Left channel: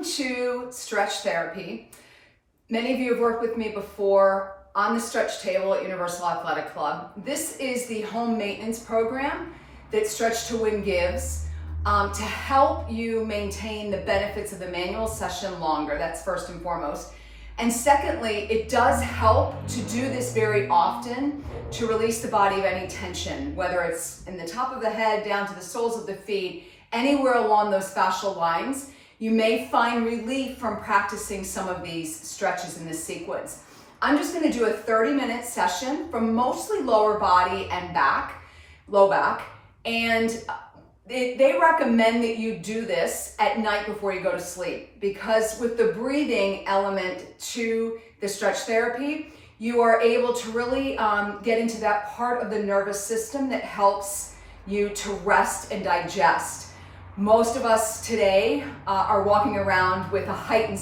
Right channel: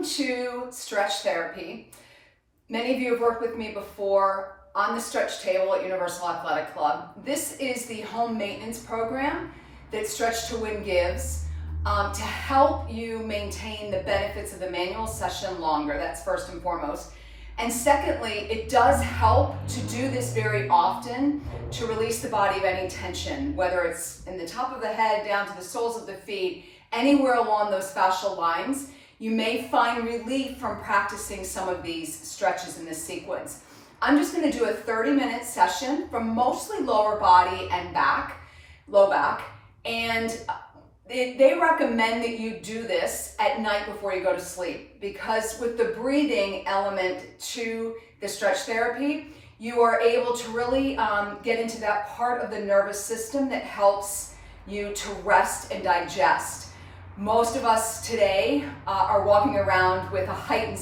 Welcome to Stretch Therapy. Many of you have worked with me before on the stretch table at Universal Athletic Club. This is the home maintenance program that Stretch to Win gives to help you maintain the benefits of the manual session longer. That's first and foremost. And secondly, it does help to do this very often to release the body of any tension, whether it's in the top of the head, down to the soles of the feet, anywhere along those fascial lines. You may find relief from practicing some of these stretches in this sequence. I'm just going to do a 30-minute session from mostly lower body and back, low back, and they recommend that you do this at night before you go to sleep, because with the breathing element to the stretch therapy, you are able to really get into that part of the nervous system that helps you to rest and digest. Most of us today are walking around with a heightened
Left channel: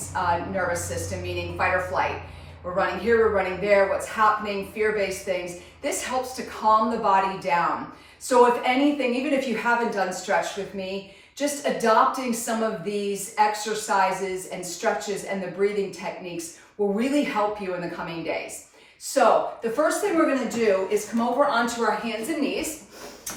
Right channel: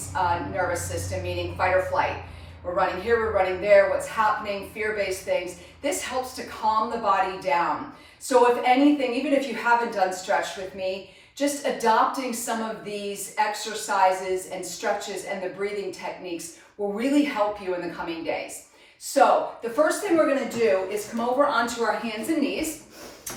nervous system, meaning fight or flight. We're running here, we're running there, what's happening, fear-based things. This helps to calm the body down. So if anything, even if you haven't done stretch with me, just adopting some of these exercises and stretches and the breathing techniques will really help you in the coming days. So the first thing we're going to do is come over onto our hands and knees.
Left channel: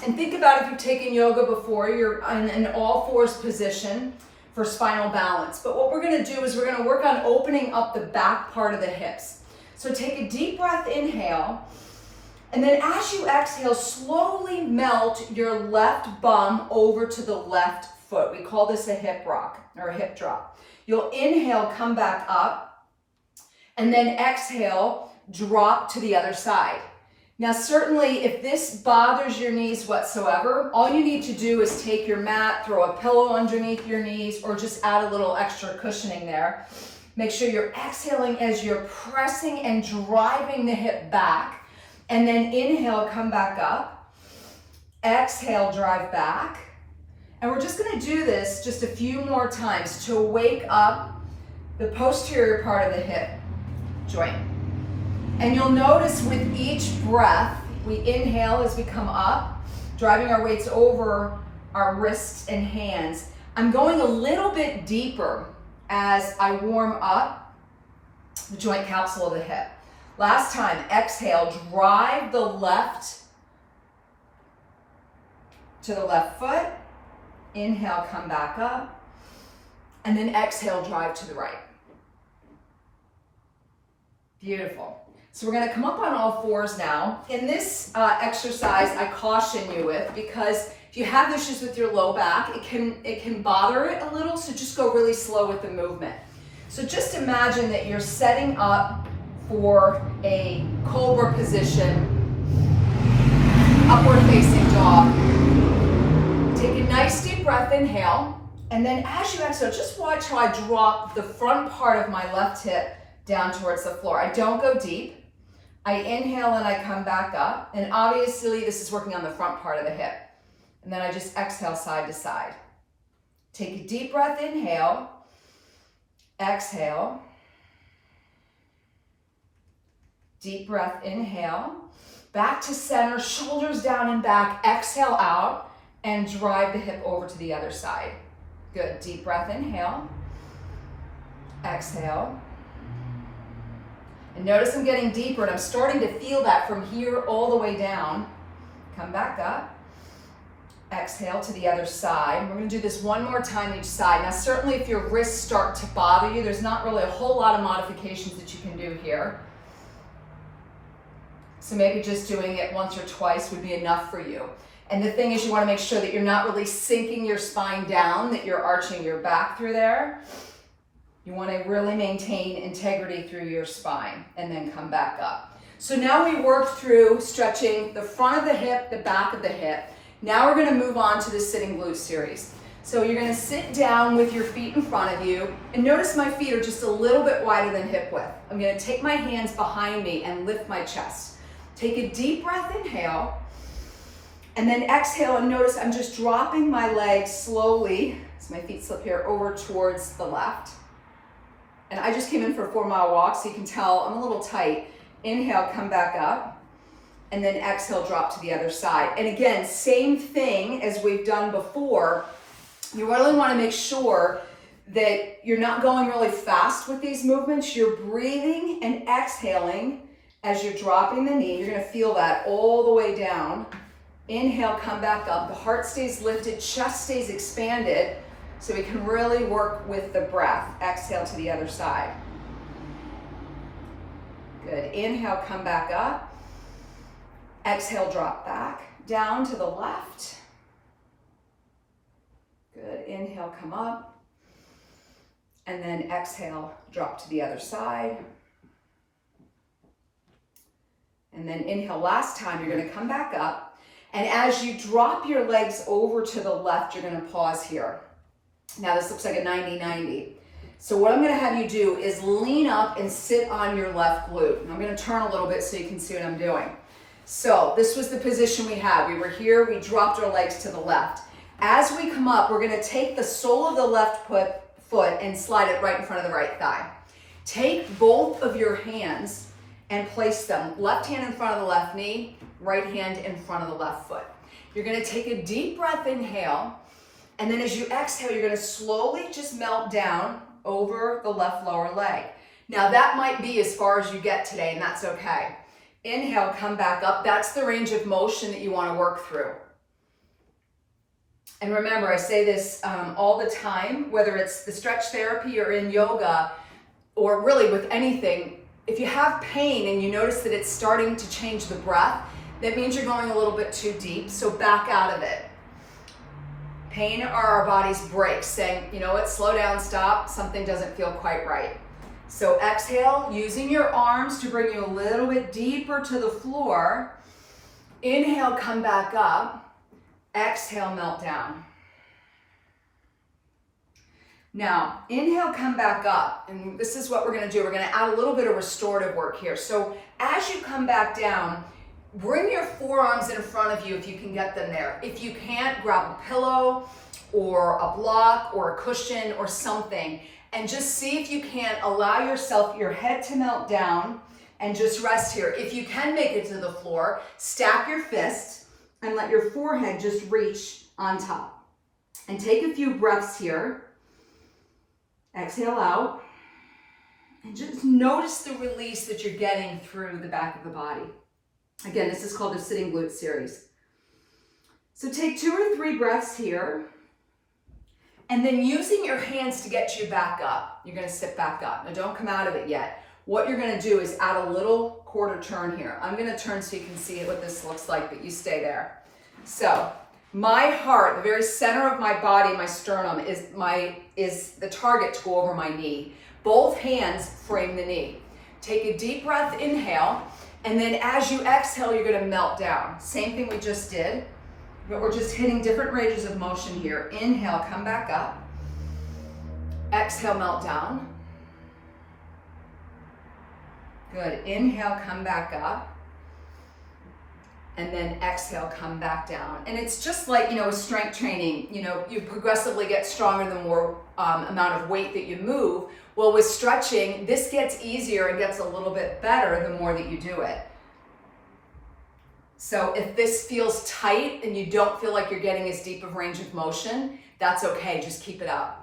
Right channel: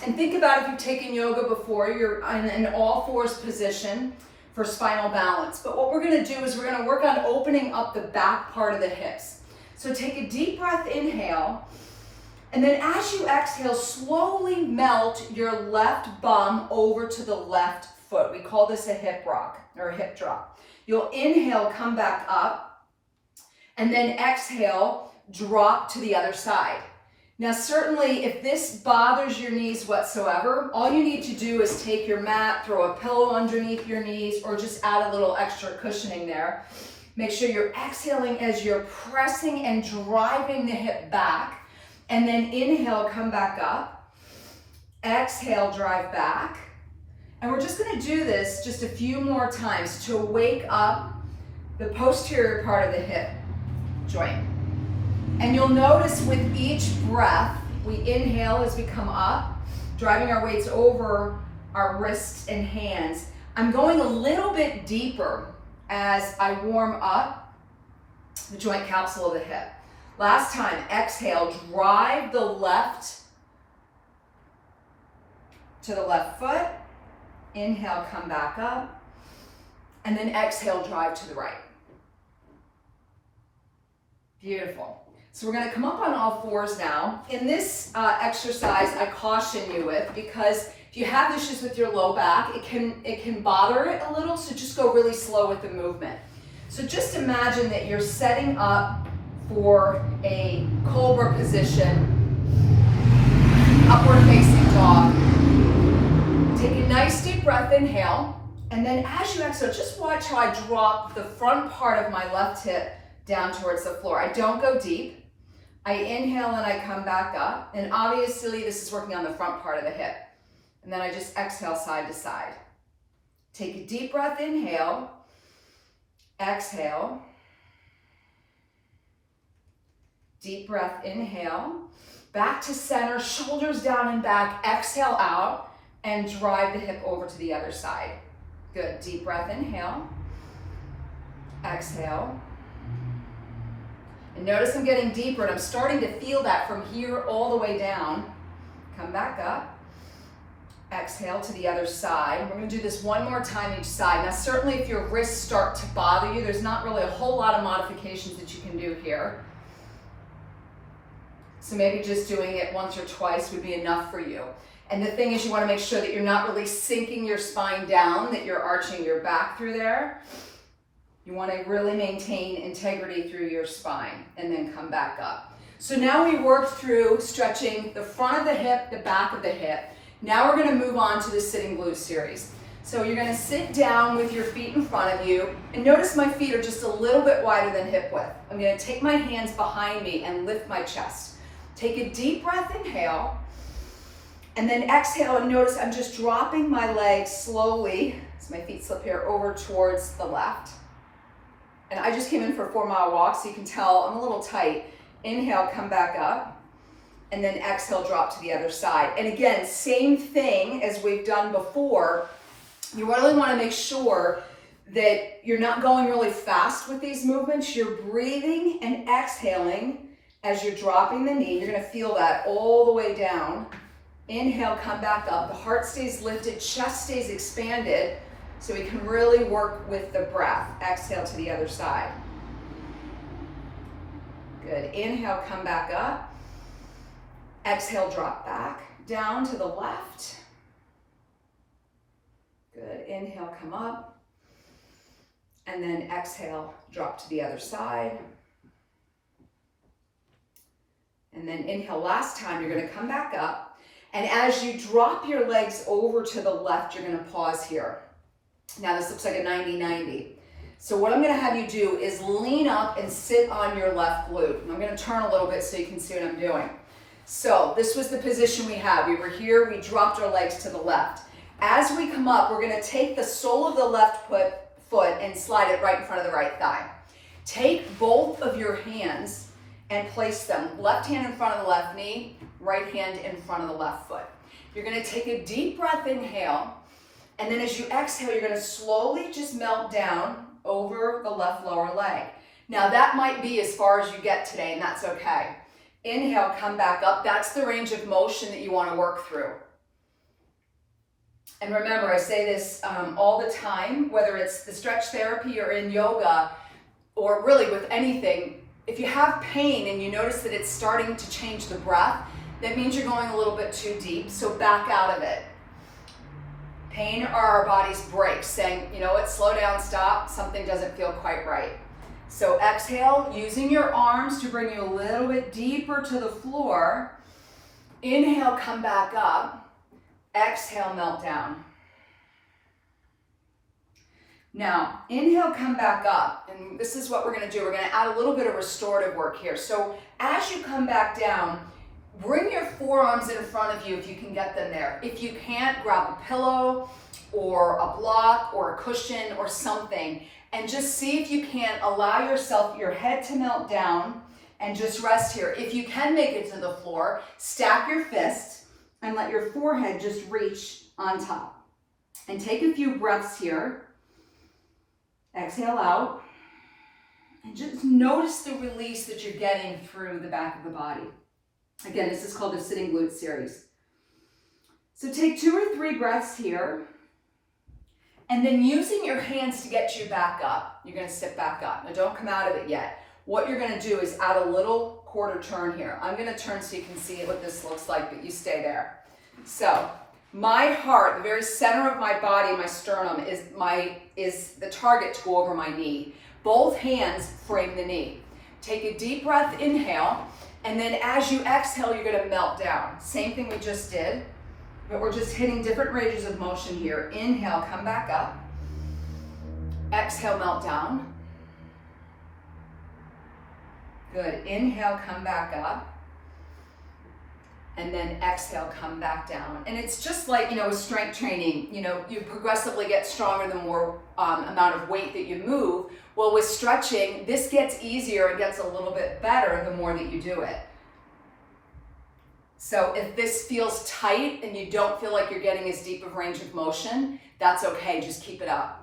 And think about if you've taken yoga before, you're in an all fours position for spinal balance. But what we're going to do is we're going to work on opening up the back part of the hips. So take a deep breath, inhale, and then as you exhale, slowly melt your left bum over to the left foot. We call this a hip rock or a hip drop. You'll inhale, come back up, and then exhale, drop to the other side. Now, certainly, if this bothers your knees whatsoever, all you need to do is take your mat, throw a pillow underneath your knees, or just add a little extra cushioning there. Make sure you're exhaling as you're pressing and driving the hip back. And then inhale, come back up. Exhale, drive back. And we're just going to do this just a few more times to wake up the posterior part of the hip joint. And you'll notice with each breath, we inhale as we come up, driving our weights over our wrists and hands. I'm going a little bit deeper as I warm up the joint capsule of the hip. Last time, exhale, drive the left to the left foot. Inhale, come back up. And then exhale, drive to the right. Beautiful. So we're going to come up on all fours now. In this exercise, I caution you with, because if you have issues with your low back, it can bother it a little, so just go really slow with the movement. So just imagine that you're setting up for a cobra position, upward facing dog. Take a nice deep breath, inhale, and then as you exhale, just watch how I drop the front part of my left hip down towards the floor. I don't go deep. I inhale and I come back up, and obviously this is working on the front part of the hip. And then I just exhale side to side. Take a deep breath, inhale, exhale. Deep breath, inhale, back to center, shoulders down and back, exhale out, and drive the hip over to the other side. Good, deep breath, inhale, exhale. And notice I'm getting deeper, and I'm starting to feel that from here all the way down. Come back up. Exhale to the other side. We're going to do this one more time each side. Now, certainly if your wrists start to bother you, there's not really a whole lot of modifications that you can do here. So maybe just doing it once or twice would be enough for you. And the thing is, you want to make sure that you're not really sinking your spine down, that you're arching your back through there. You want to really maintain integrity through your spine and then come back up. So now we work through stretching the front of the hip, the back of the hip. Now we're going to move on to the sitting glute series. So you're going to sit down with your feet in front of you, and notice my feet are just a little bit wider than hip width. I'm going to take my hands behind me and lift my chest. Take a deep breath, inhale, and then exhale, and notice I'm just dropping my legs slowly, as my feet slip here, over towards the left. And I just came in for a 4-mile walk, so you can tell I'm a little tight. Inhale, come back up, and then exhale, drop to the other side. And again, same thing as we've done before. You really want to make sure that you're not going really fast with these movements. You're breathing and exhaling as you're dropping the knee. You're going to feel that all the way down. Inhale, come back up. The heart stays lifted, chest stays expanded, so we can really work with the breath. Exhale to the other side. Good. Inhale, come back up. Exhale, drop back down to the left. Good. Inhale, come up. And then exhale, drop to the other side. And then inhale, last time, you're going to come back up. And as you drop your legs over to the left, you're going to pause here. Now this looks like a 90-90. So what I'm going to have you do is lean up and sit on your left glute. And I'm going to turn a little bit so you can see what I'm doing. So this was the position we had. We were here, we dropped our legs to the left. As we come up, we're going to take the sole of the left foot and slide it right in front of the right thigh. Take both of your hands and place them, left hand in front of the left knee, right hand in front of the left foot. You're going to take a deep breath, inhale, and then as you exhale, you're going to slowly just melt down over the left lower leg. Now that might be as far as you get today, and that's okay. Inhale, come back up. That's the range of motion that you want to work through. And remember, I say this all the time, whether it's the stretch therapy or in yoga, or really with anything, if you have pain and you notice that it's starting to change the breath, that means you're going a little bit too deep, so back out of it. Pain are our body's brakes saying, you know what, slow down, stop, something doesn't feel quite right. So exhale, using your arms to bring you a little bit deeper to the floor. Inhale, come back up. Exhale, melt down. Now, inhale, come back up, and this is what we're going to do. We're going to add a little bit of restorative work here. So as you come back down, bring your forearms in front of you if you can get them there. If you can't, grab a pillow or a block or a cushion or something, and just see if you can't allow yourself, your head to melt down and just rest here. If you can make it to the floor, stack your fists and let your forehead just reach on top. And take a few breaths here. Exhale out. And just notice the release that you're getting through the back of the body. Again, this is called the sitting glute series. So take 2 or 3 breaths here. And then using your hands to get you back up, you're going to sit back up. Now don't come out of it yet. What you're going to do is add a little quarter turn here. I'm going to turn so you can see what this looks like, but you stay there. So my heart, the very center of my body, my sternum, is the target to go over my knee. Both hands frame the knee. Take a deep breath, inhale, and then as you exhale, you're going to melt down. Same thing we just did, but we're just hitting different ranges of motion here. Inhale, come back up. Exhale, melt down. Good. Inhale, come back up. And then exhale, come back down. And it's just like, with strength training, you progressively get stronger the more amount of weight that you move. Well, with stretching, this gets easier and gets a little bit better the more that you do it. So if this feels tight and you don't feel like you're getting as deep of range of motion, that's okay, just keep it up.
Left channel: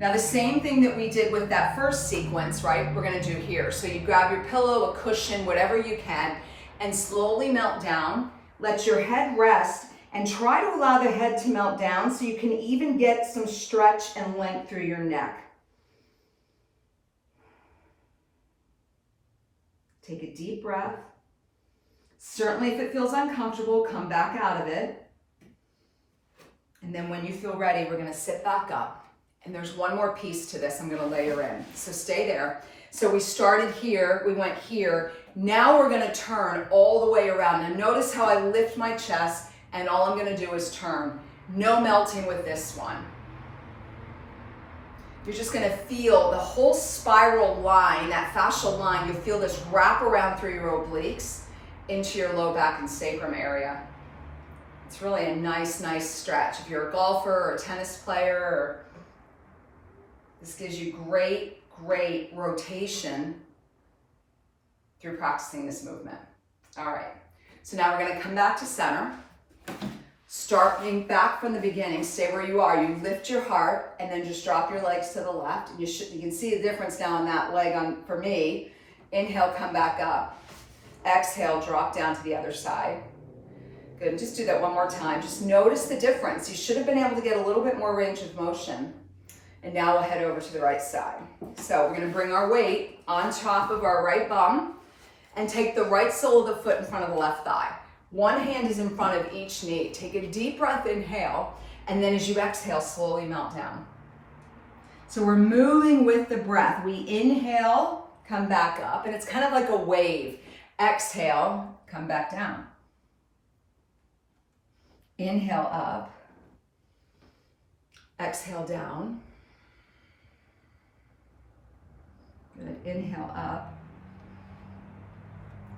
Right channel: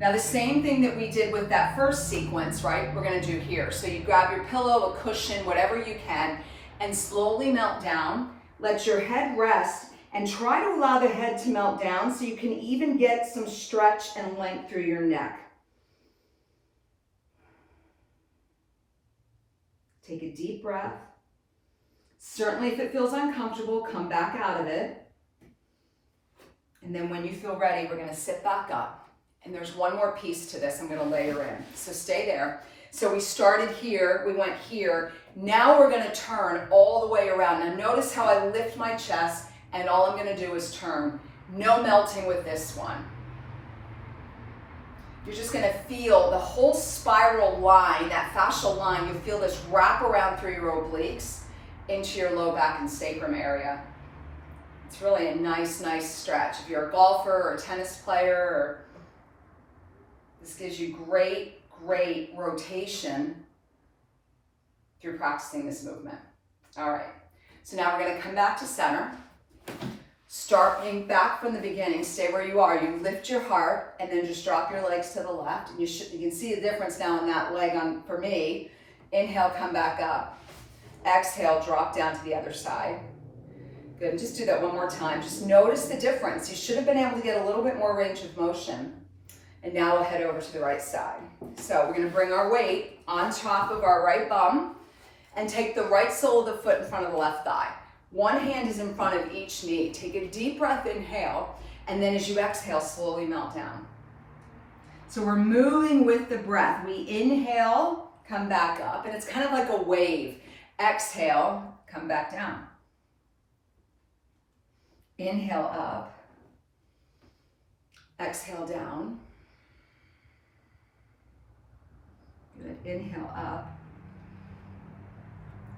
Now the same thing that we did with that first sequence, right, we're gonna do here. So you grab your pillow, a cushion, whatever you can, and slowly melt down. Let your head rest and try to allow the head to melt down so you can even get some stretch and length through your neck. Take a deep breath. Certainly if it feels uncomfortable, come back out of it. And then when you feel ready, we're gonna sit back up. And there's one more piece to this I'm gonna layer in. So stay there. So we started here, we went here. Now we're gonna turn all the way around. Now notice how I lift my chest and all I'm gonna do is turn. No melting with this one. You're just gonna feel the whole spiral line, that fascial line, you'll feel this wrap around through your obliques into your low back and sacrum area. It's really a nice stretch. If you're a golfer or a tennis player, this gives you great rotation through practicing this movement. All right, so now we're gonna come back to center. Starting back from the beginning, stay where you are. You lift your heart and then just drop your legs to the left. And you can see the difference now in that leg for me. Inhale, come back up. Exhale, drop down to the other side. Good, and just do that one more time. Just notice the difference. You should have been able to get a little bit more range of motion. And now we'll head over to the right side. So we're gonna bring our weight on top of our right bum and take the right sole of the foot in front of the left thigh. One hand is in front of each knee. Take a deep breath, inhale, and then as you exhale, slowly melt down. So we're moving with the breath. We inhale, come back up, and it's kind of like a wave. Exhale, come back down. Inhale up. Exhale down. Good. Inhale up.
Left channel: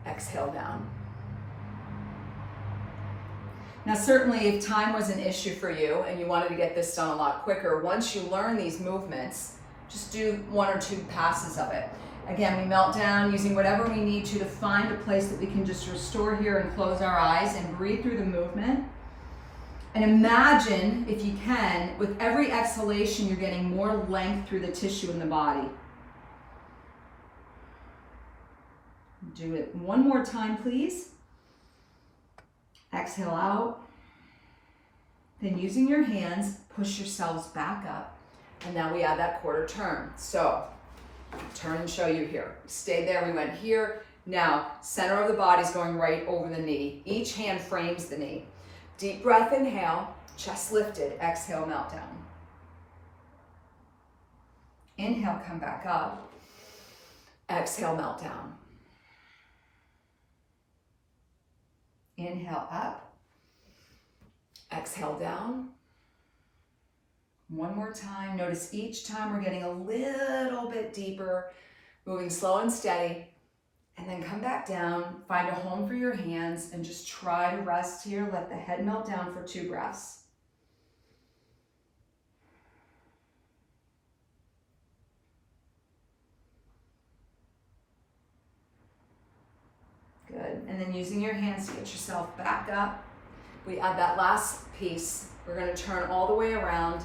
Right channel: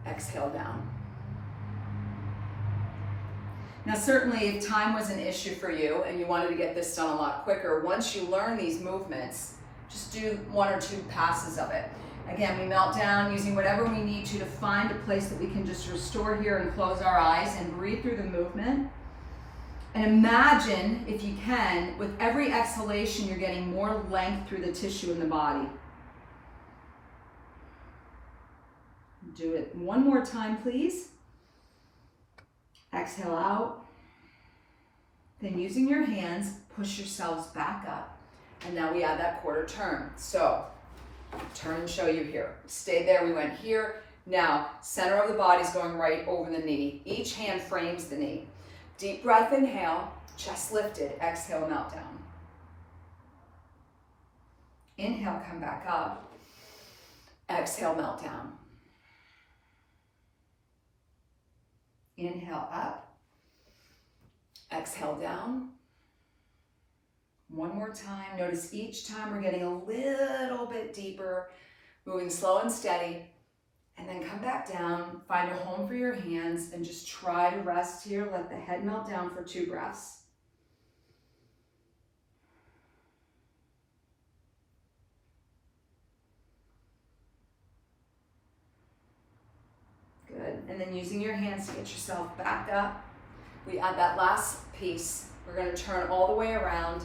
Exhale down. Now certainly if time was an issue for you and you wanted to get this done a lot quicker, once you learn these movements, just do 1 or 2 passes of it. Again, we melt down using whatever we need to find a place that we can just restore here and close our eyes and breathe through the movement. And imagine, if you can, with every exhalation, you're getting more length through the tissue in the body. Do it one more time, please. Exhale out. Then using your hands, push yourselves back up. And now we add that quarter turn. So, turn and show you here. Stay there, we went here. Now, center of the body's going right over the knee. Each hand frames the knee. Deep breath, inhale, chest lifted. Exhale, melt down. Inhale, come back up. Exhale, melt down. Inhale up. Exhale down. One more time. Notice each time we're getting a little bit deeper, moving slow and steady. And then come back down, find a home for your hands, and just try to rest here. Let the head melt down for 2 breaths. Good, and then using your hands to get yourself back up, we add that last piece. We're gonna turn all the way around,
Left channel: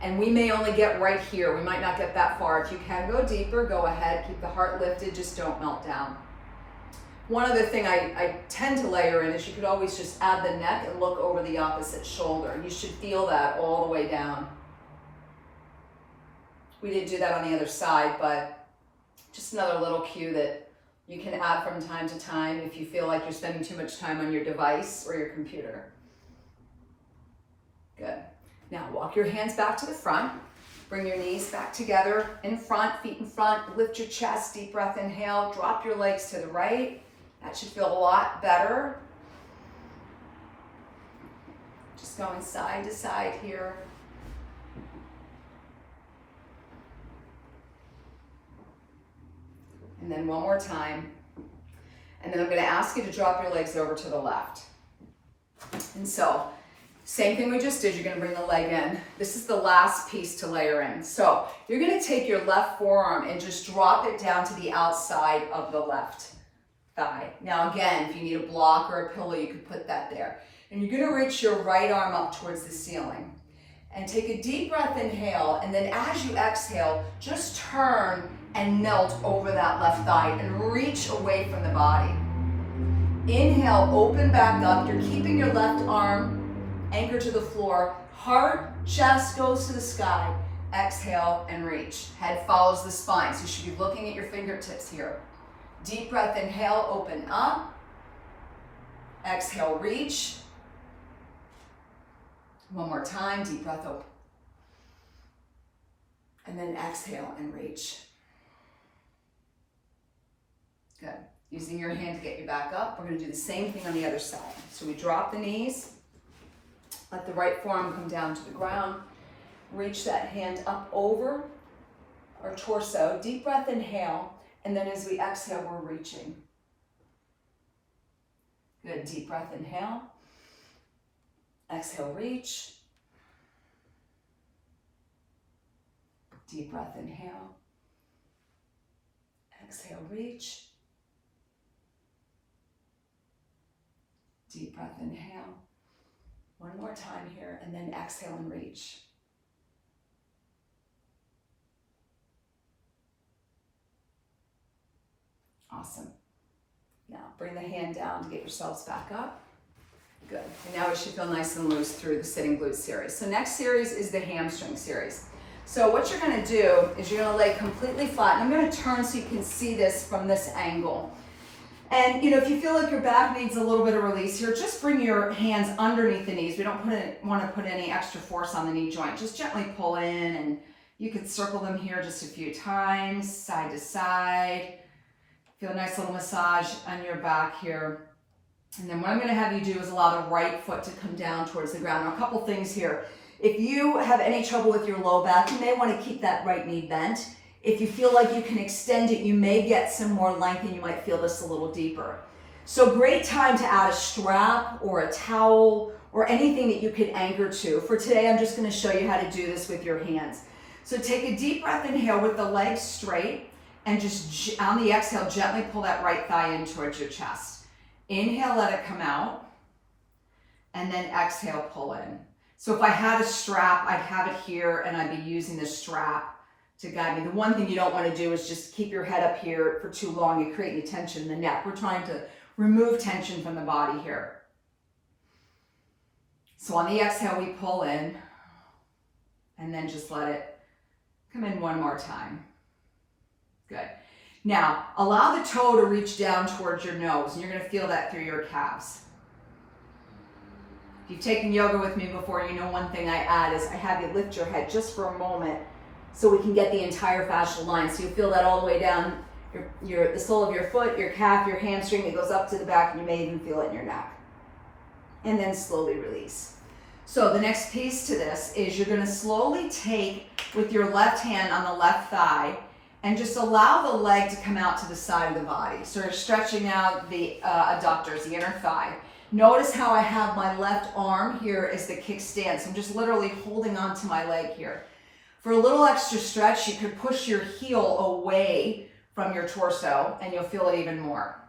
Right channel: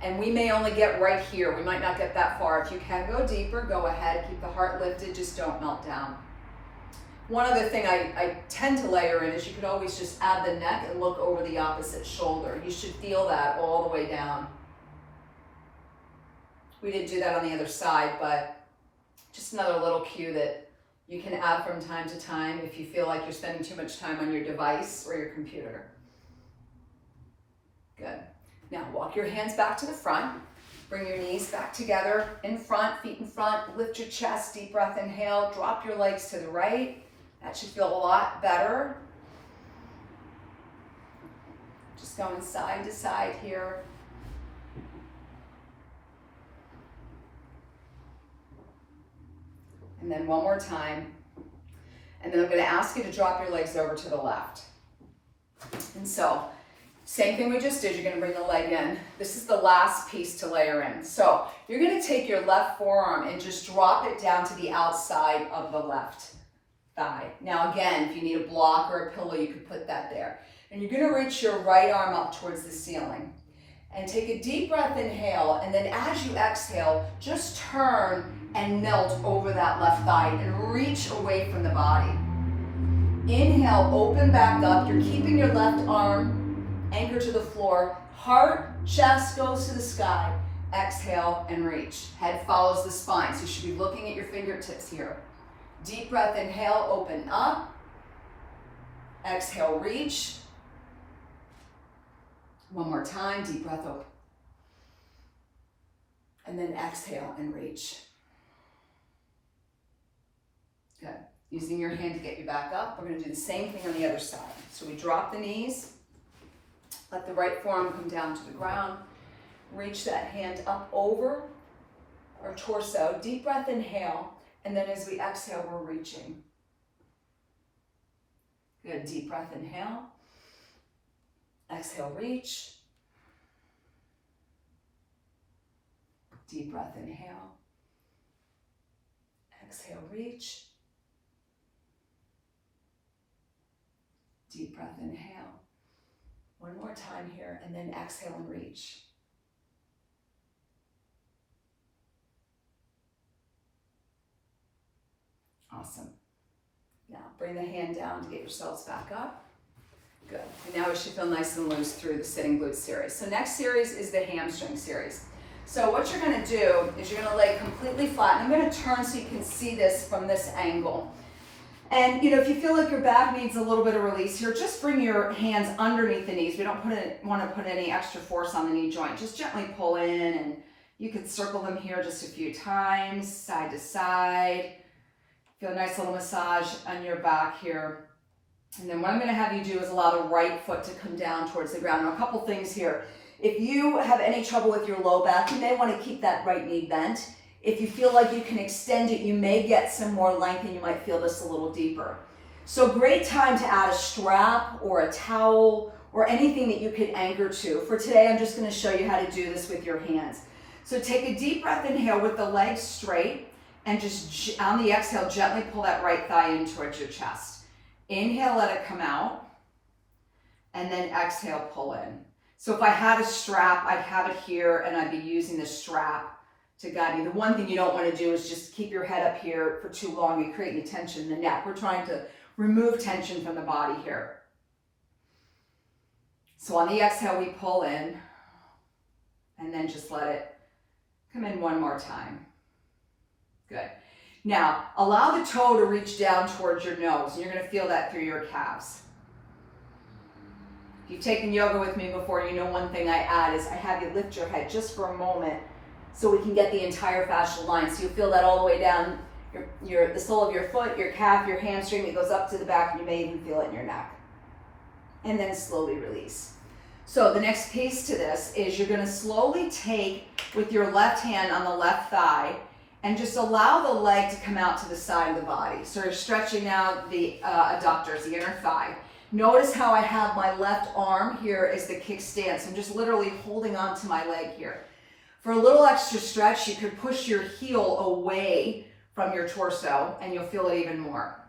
and we may only get right here. We might not get that far. If you can go deeper, go ahead. Keep the heart lifted, just don't melt down. One other thing I tend to layer in is you could always just add the neck and look over the opposite shoulder. You should feel that all the way down. We did do that on the other side, but just another little cue that you can add from time to time if you feel like you're spending too much time on your device or your computer. Good. Now walk your hands back to the front. Bring your knees back together in front, feet in front. Lift your chest, deep breath, inhale. Drop your legs to the right. That should feel a lot better. Just going side to side here. And then one more time. And then I'm going to ask you to drop your legs over to the left. And so, same thing we just did, you're going to bring the leg in. This is the last piece to layer in. So, you're going to take your left forearm and just drop it down to the outside of the left thigh. Now again, if you need a block or a pillow, you can put that there. And you're going to reach your right arm up towards the ceiling. And take a deep breath, inhale, and then as you exhale, just turn and melt over that left thigh and reach away from the body. Inhale, open back up. You're keeping your left arm anchored to the floor. Heart, chest goes to the sky. Exhale and reach. Head follows the spine, so you should be looking at your fingertips here. Deep breath, inhale, open up. Exhale, reach. One more time, deep breath, open. And then exhale and reach. Good. Using your hand to get you back up, we're going to do the same thing on the other side. So we drop the knees, let the right forearm come down to the ground, reach that hand up over our torso, deep breath, inhale, and then as we exhale, we're reaching. Good, deep breath, inhale. Exhale, reach. Deep breath, inhale. Exhale, reach. Deep breath, inhale. One more time here, and then exhale and reach. Awesome. Now bring the hand down to get yourselves back up. Good. And now we should feel nice and loose through the sitting glute series. So next series is the hamstring series. So what you're going to do is you're going to lay completely flat. And I'm going to turn so you can see this from this angle. And if you feel like your back needs a little bit of release here, just bring your hands underneath the knees. We don't want to put any extra force on the knee joint. Just gently pull in, and you could circle them here just a few times, side to side. Feel a nice little massage on your back here. And then what I'm going to have you do is allow the right foot to come down towards the ground. Now, a couple things here. If you have any trouble with your low back, you may want to keep that right knee bent. If you feel like you can extend it, you may get some more length and you might feel this a little deeper. So great time to add a strap or a towel or anything that you could anchor to. For today, I'm just going to show you how to do this with your hands. So take a deep breath in here with the legs straight, and just on the exhale, gently pull that right thigh in towards your chest. Inhale, let it come out, and then exhale, pull in. So if I had a strap, I'd have it here, and I'd be using the strap to guide me. The one thing you don't want to do is just keep your head up here for too long and create any tension in the neck. We're trying to remove tension from the body here. So on the exhale, we pull in, and then just let it come in one more time. Good. Now, allow the toe to reach down towards your nose, and you're going to feel that through your calves. If you've taken yoga with me before, you know one thing I add is I have you lift your head just for a moment so we can get the entire fascial line. So you feel that all the way down the sole of your foot, your calf, your hamstring. It goes up to the back, and you may even feel it in your neck. And then slowly release. So the next piece to this is you're going to slowly take with your left hand on the left thigh and just allow the leg to come out to the side of the body. So you're stretching out the adductors, the inner thigh. Notice how I have my left arm here as the kickstand. So I'm just literally holding on to my leg here. For a little extra stretch, you could push your heel away from your torso and you'll feel it even more.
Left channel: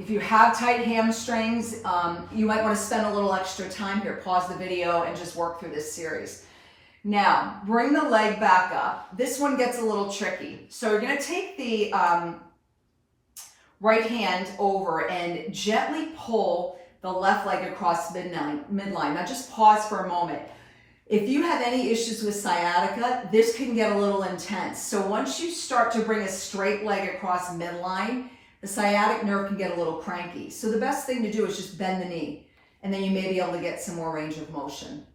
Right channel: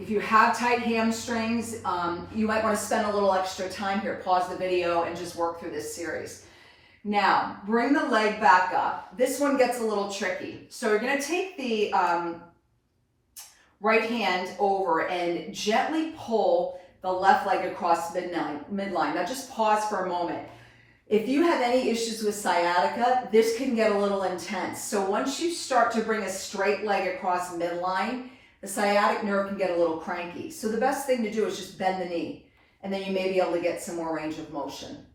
If you have tight hamstrings, you might want to spend a little extra time here. Pause the video and just work through this series. Now, bring the leg back up. This one gets a little tricky. So you're going to take the right hand over and gently pull the left leg across midline. Now just pause for a moment. If you have any issues with sciatica, this can get a little intense. So once you start to bring a straight leg across midline, the sciatic nerve can get a little cranky. So the best thing to do is just bend the knee, and then you may be able to get some more range of motion.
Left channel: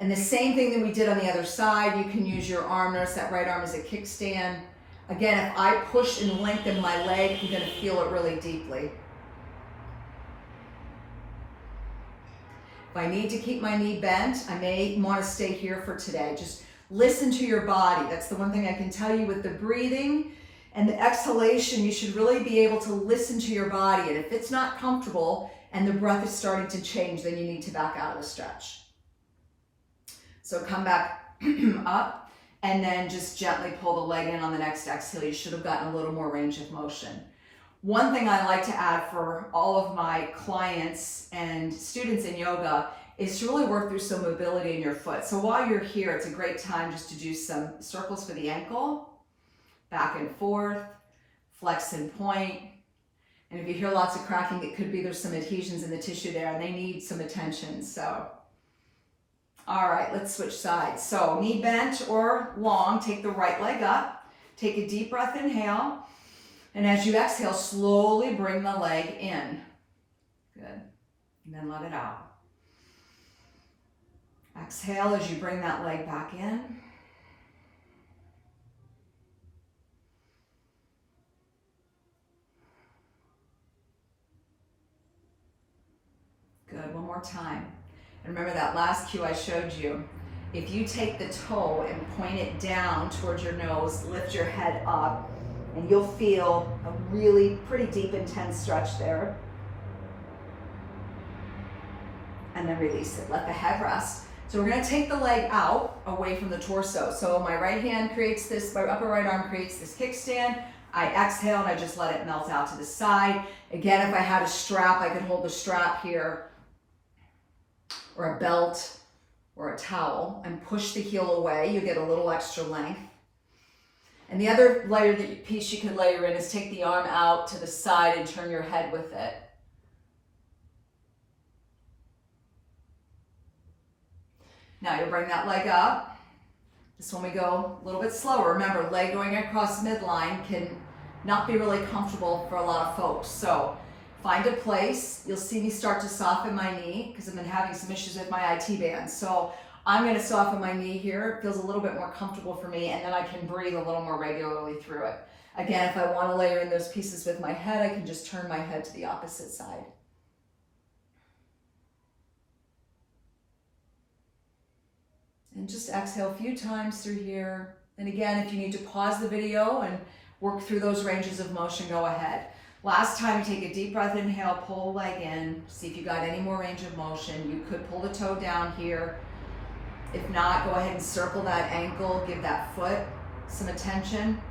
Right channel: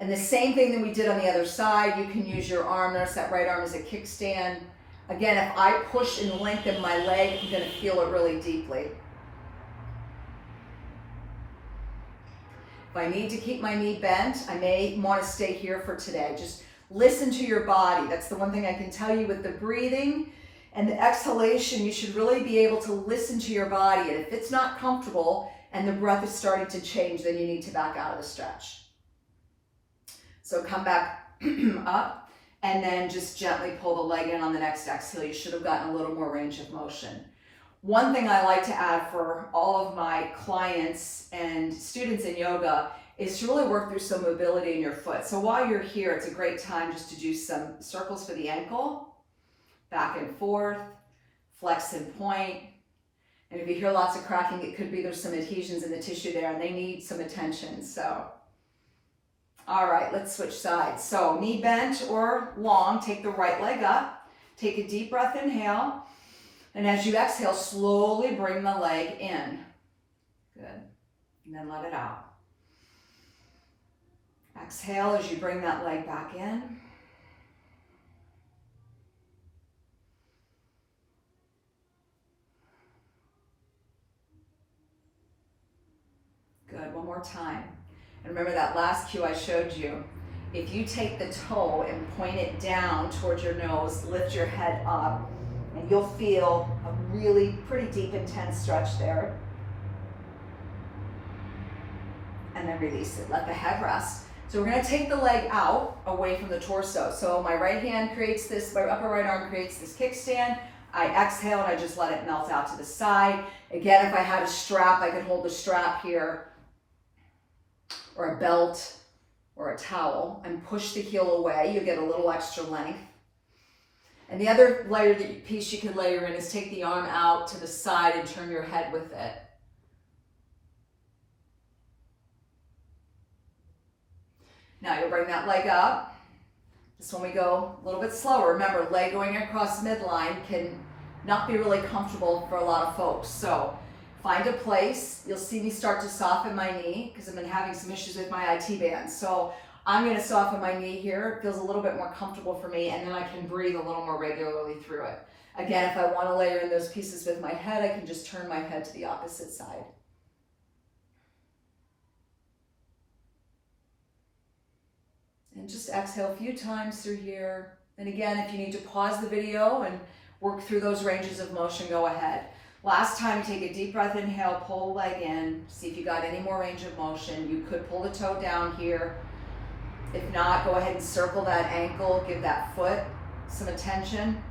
And the same thing that we did on the other side, you can use your arm. Notice that right arm is a kickstand. Again, if I push and lengthen my leg, I'm going to feel it really deeply. If I need to keep my knee bent, I may want to stay here for today. Just listen to your body. That's the one thing I can tell you with the breathing and the exhalation. You should really be able to listen to your body. And if it's not comfortable and the breath is starting to change, then you need to back out of the stretch. So come back up and then just gently pull the leg in on the next exhale. You should have gotten a little more range of motion. One thing I like to add for all of my clients and students in yoga is to really work through some mobility in your foot. So while you're here, it's a great time just to do some circles for the ankle, back and forth, flex and point. And if you hear lots of cracking, it could be there's some adhesions in the tissue there and they need some attention. So, all right, let's switch sides. So knee bent or long, take the right leg up, take a deep breath, inhale. And as you exhale, slowly bring the leg in. Good. And then let it out. Exhale as you bring that leg back in. Good. One more time. And remember that last cue I showed you. If you take the toe and point it down towards your nose, lift your head up, and you'll feel a really pretty deep, intense stretch there. And then release it. Let the head rest. So we're going to take the leg out away from the torso. So my right hand creates this, my upper right arm creates this kickstand. I exhale and I just let it melt out to the side. Again, if I had a strap, I could hold the strap here, or a belt, or a towel, and push the heel away. You get a little extra length. And the other piece you can layer in is take the arm out to the side and turn your head with it. Now you'll bring that leg up. This one we go a little bit slower. Remember, leg going across midline can not be really comfortable for a lot of folks. So find a place. You'll see me start to soften my knee because I've been having some issues with my IT band. So I'm going to soften my knee here. It feels a little bit more comfortable for me, and then I can breathe a little more regularly through it. Again, if I want to layer in those pieces with my head, I can just turn my head to the opposite side. And just exhale a few times through here. And again, if you need to pause the video and work through those ranges of motion, go ahead. Last time, take a deep breath, inhale, pull the leg in. See if you got any more range of motion. You could pull the toe down here. If not, go ahead and circle that ankle, give that foot some attention.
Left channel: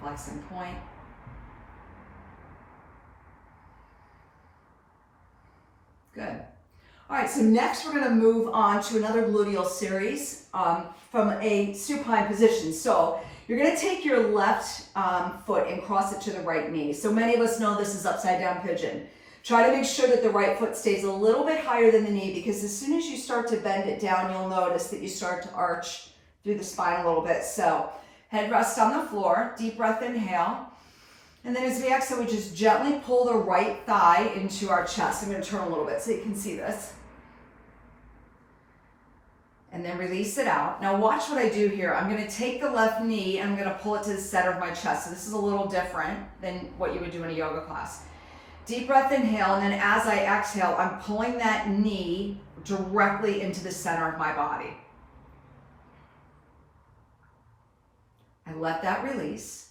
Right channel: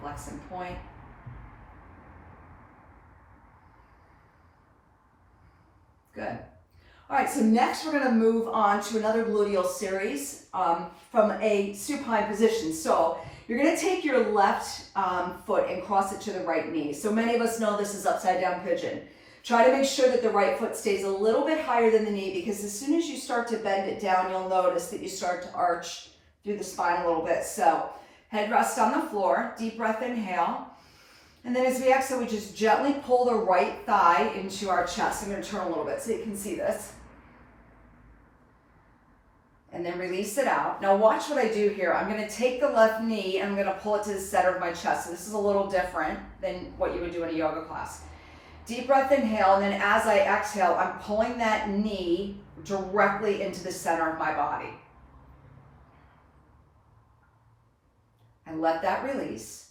Flex and point. Good. All right, so next we're gonna move on to another gluteal series from a supine position. So you're gonna take your left foot and cross it to the right knee. So many of us know this is upside down pigeon. Try to make sure that the right foot stays a little bit higher than the knee, because as soon as you start to bend it down, you'll notice that you start to arch through the spine a little bit. So head rests on the floor, deep breath, inhale. And then as we exhale, we just gently pull the right thigh into our chest. I'm gonna turn a little bit so you can see this. And then release it out. Now watch what I do here. I'm gonna take the left knee and I'm gonna pull it to the center of my chest. So this is a little different than what you would do in a yoga class. Deep breath, inhale, and then as I exhale, I'm pulling that knee directly into the center of my body. I let that release.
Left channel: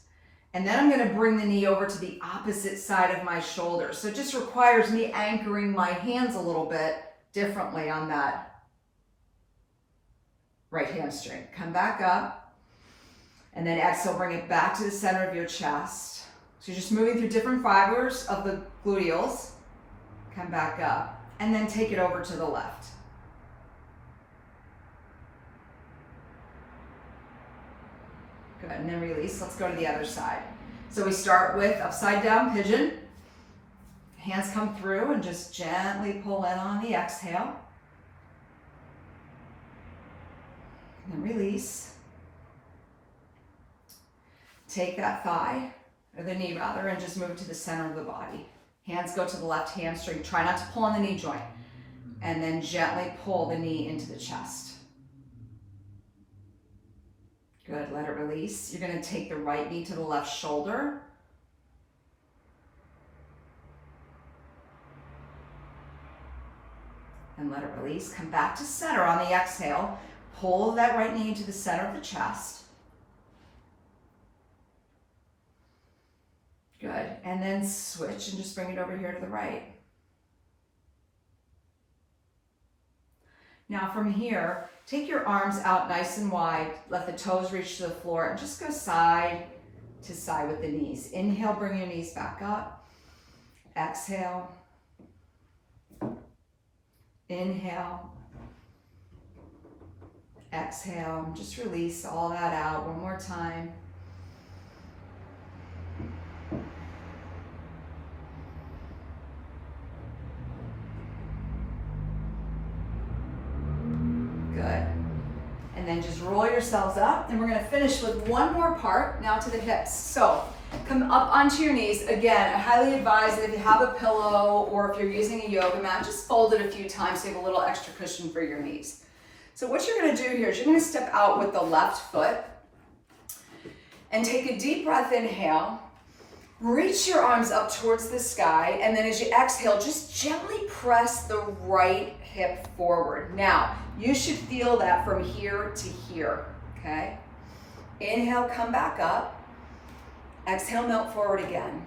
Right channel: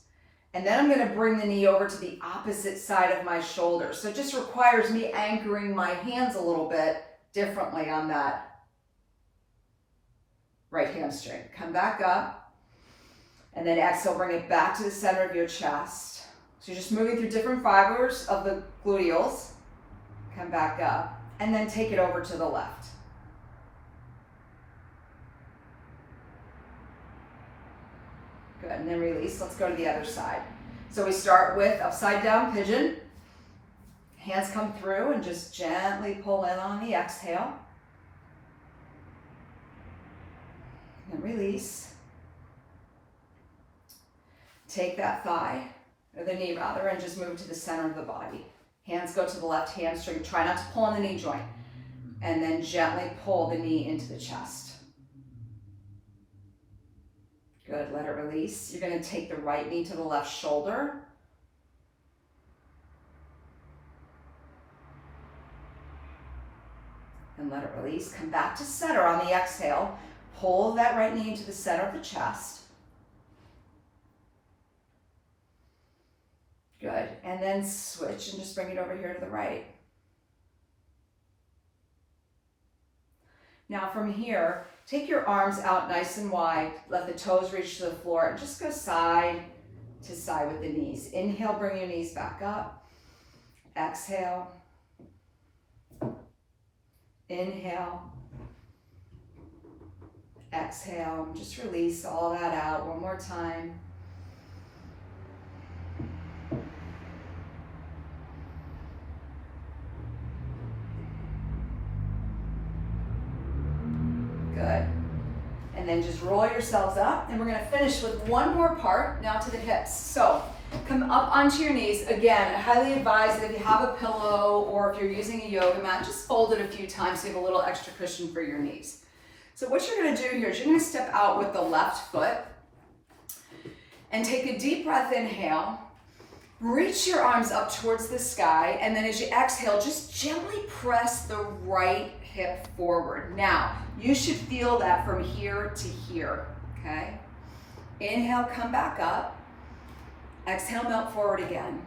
And then I'm gonna bring the knee over to the opposite side of my shoulder. So it just requires me anchoring my hands a little bit differently on that right hamstring. Come back up, and then exhale, bring it back to the center of your chest. So you're just moving through different fibers of the gluteals. Come back up, and then take it over to the left. Good, and then release. Let's go to the other side. So we start with upside down pigeon. Hands come through and just gently pull in on the exhale. And release. Take that thigh, or the knee rather, and just move to the center of the body. Hands go to the left hamstring. Try not to pull on the knee joint. And then gently pull the knee into the chest. Good, let it release. You're gonna take the right knee to the left shoulder. And let it release. Come back to center on the exhale. Pull that right knee into the center of the chest. Good, and then switch and just bring it over here to the right. Now from here, take your arms out nice and wide, let the toes reach to the floor, and just go side to side with the knees. Inhale, bring your knees back up. Exhale. Inhale. Exhale, just release all that out one more time. Good. And then just roll yourselves up, and we're gonna finish with one more part, now to the hips. So come up onto your knees. Again, I highly advise that if you have a pillow or if you're using a yoga mat, just fold it a few times so you have a little extra cushion for your knees. So what you're gonna do here is you're gonna step out with the left foot and take a deep breath, inhale. Reach your arms up towards the sky, and then as you exhale, just gently press the right hip forward. Now, you should feel that from here to here, okay? Inhale, come back up. Exhale, melt forward again.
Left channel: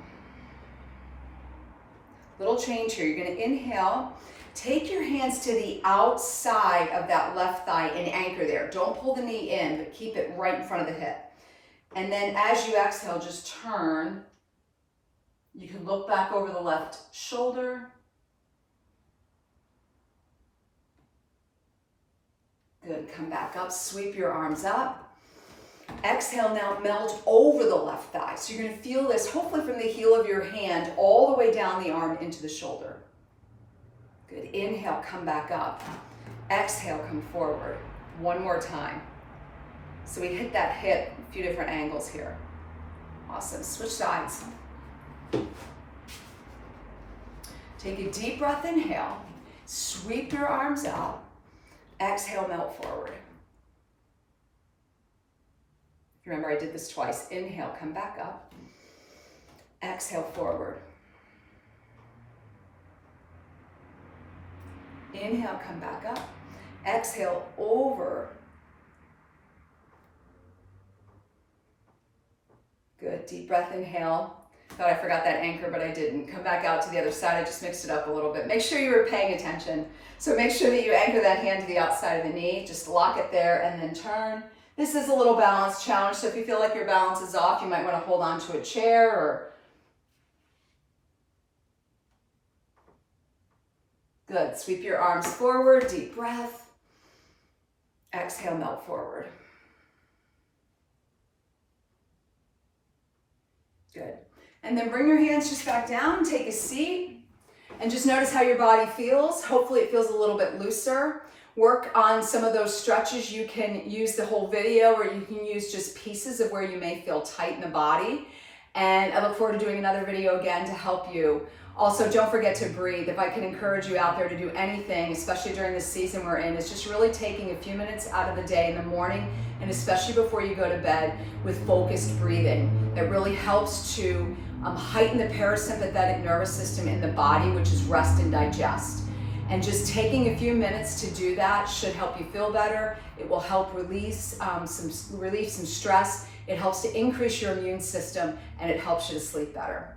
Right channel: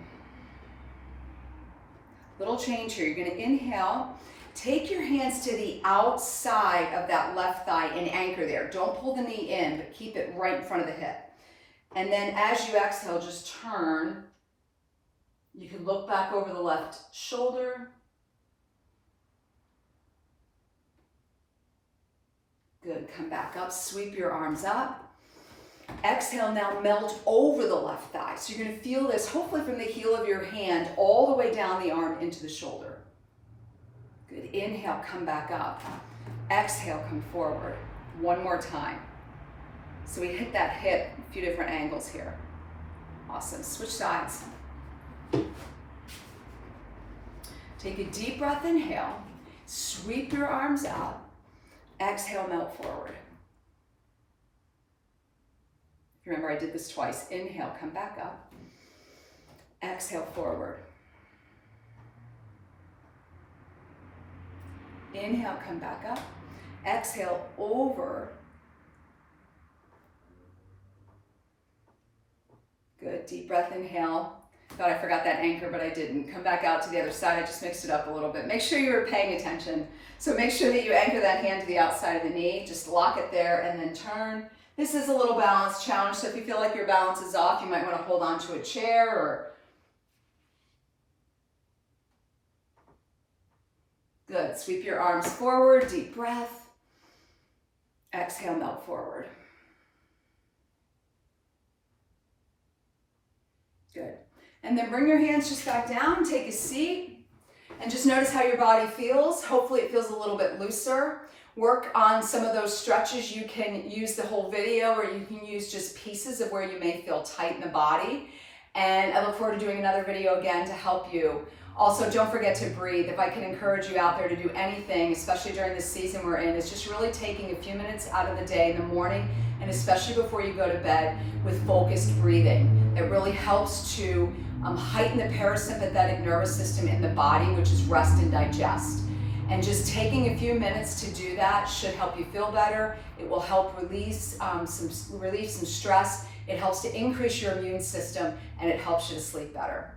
Little change here. You're gonna inhale. Take your hands to the outside of that left thigh and anchor there. Don't pull the knee in, but keep it right in front of the hip. And then as you exhale, just turn. You can look back over the left shoulder. Good, come back up, sweep your arms up. Exhale, now melt over the left thigh. So you're gonna feel this, hopefully from the heel of your hand all the way down the arm into the shoulder. Good, inhale, come back up. Exhale, come forward. One more time. So we hit that hip, a few different angles here. Awesome, switch sides. Take a deep breath, inhale. Sweep your arms out. Exhale, melt forward. Remember, I did this twice. Inhale, come back up. Exhale, forward. Inhale, come back up. Exhale, over. Good, deep breath, inhale. Thought I forgot that anchor, but I didn't. Come back out to the other side. I just mixed it up a little bit. Make sure you were paying attention. So make sure that you anchor that hand to the outside of the knee. Just lock it there and then turn. This is a little balance challenge, so if you feel like your balance is off, you might want to hold on to a chair or... Good, sweep your arms forward, deep breath. Exhale, melt forward. Good. And then bring your hands just back down, take a seat, and just notice how your body feels. Hopefully it feels a little bit looser. Work on some of those stretches. You can use the whole video or you can use just pieces of where you may feel tight in the body. And I look forward to doing another video again to help you. Also, don't forget to breathe. If I can encourage you out there to do anything, especially during this season we're in, is just really taking a few minutes out of the day in the morning and especially before you go to bed with focused breathing. It really helps to heighten the parasympathetic nervous system in the body, which is rest and digest. And just taking a few minutes to do that should help you feel better. It will help relieve some stress. It helps to increase your immune system and it helps you to sleep better.